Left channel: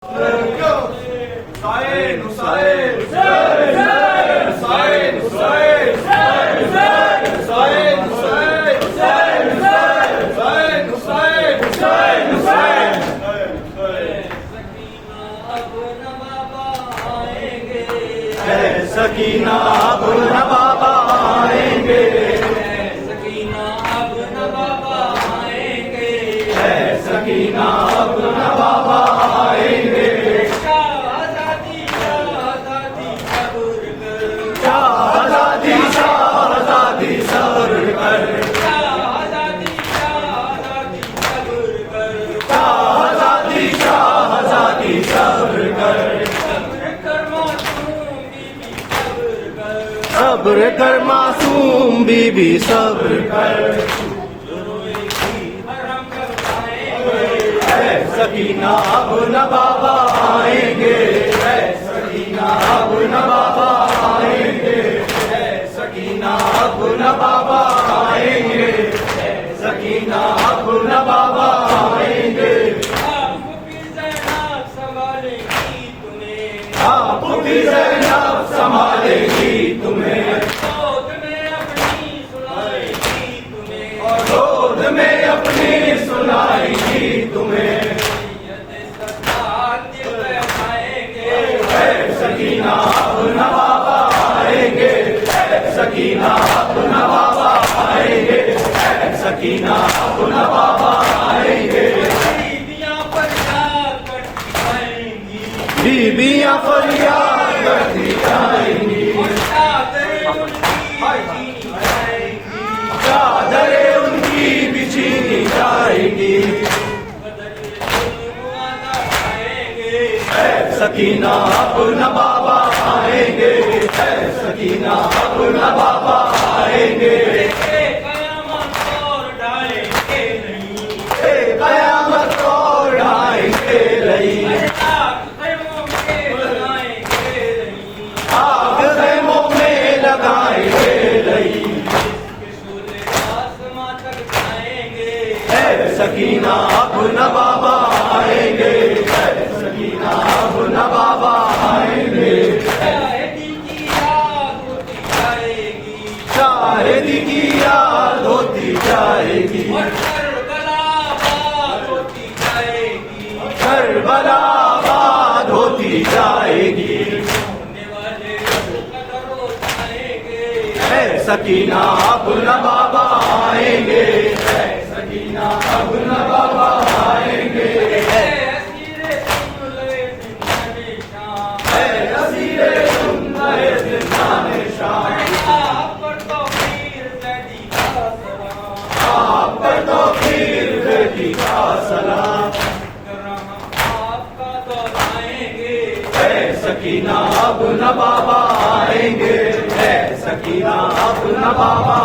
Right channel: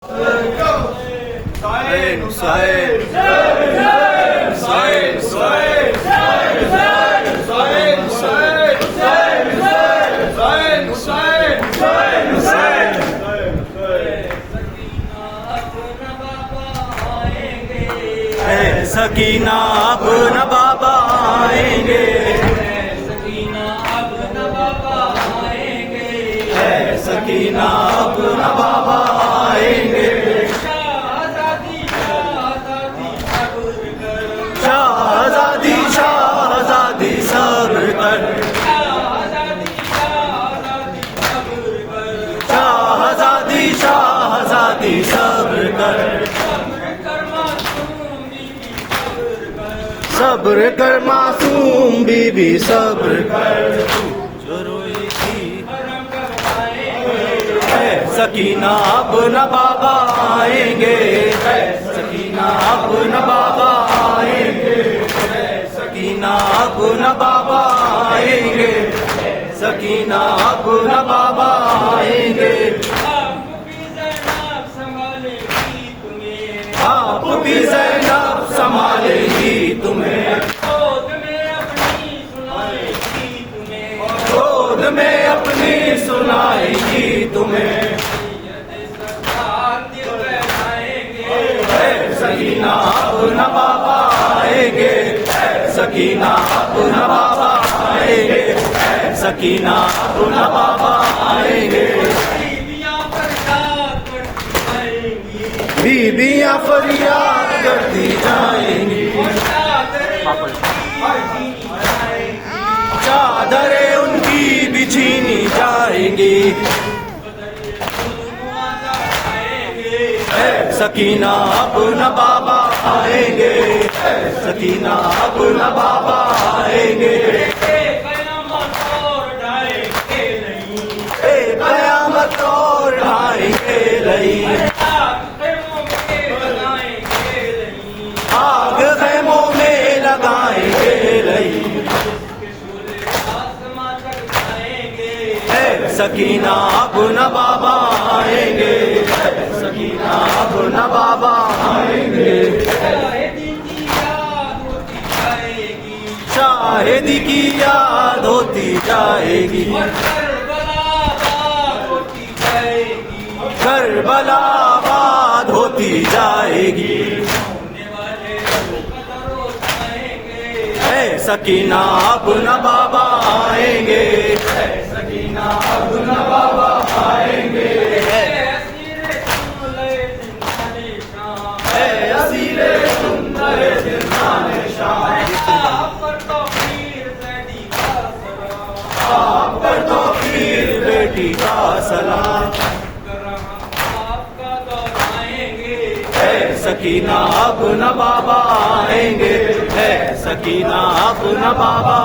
سکینہ اب نہ بابا آئیں گے، سکینہ اب نہ بابا آئیں گے، سکینہ اب نہ بابا آئیں گے، شہزادی شہزادی صبر کر، شہزادی شہزادی سر پر، شہزادی شہزادی صبر کر، شہزادی شہزادی سر پر، صبر کر معصوم بی بی صبر کر، صبر کر معصوم بی بی صبر کر، جو روئی تھی حرم کروائیں گے، سکینہ اب نہ بابا آئیں گے، سکینہ اب نہ بابا آئیں گے، سکینہ اب نہ بابا آئیں گے، سکینہ اب نہ بابا آئیں گے، آپ کی زینب سنبھالے گی تمہیں، آپ کی زینب سنبھالے گی تمہیں، گود میں اپنی سنائے گی تمہیں، گود میں اپنی سنائے گی تمہیں، سکینہ اب نہ بابا آئیں گے، سکینہ اب نہ بابا آئیں گے، سکینہ اب نہ بابا آئیں گے، بیبیاں فریاد کرتی جائیں گی، چادریں ان کی بچھینی جائے گی، سکینہ اب نہ بابا آئیں گے، سکینہ اب نہ بابا آئیں گے، قیامت کو ڈھائیں گے نہیں، آگ خیموں میں لگائیں گے نہیں، سکینہ اب نہ بابا آئیں گے، سکینہ اب نہ بابا آئیں گے، شاہدی کی یاد ہوتی جائے گی، کربلا آباد ہوتی جائے گی، سکینہ اب نہ بابا آئیں گے، سکینہ اب نہ بابا آئیں گے، اسیر سندر زندان شام، آپ پر توفیر بیٹی کا سلام، سکینہ اب نہ بابا آئیں گے، سکینہ اب نہ بابا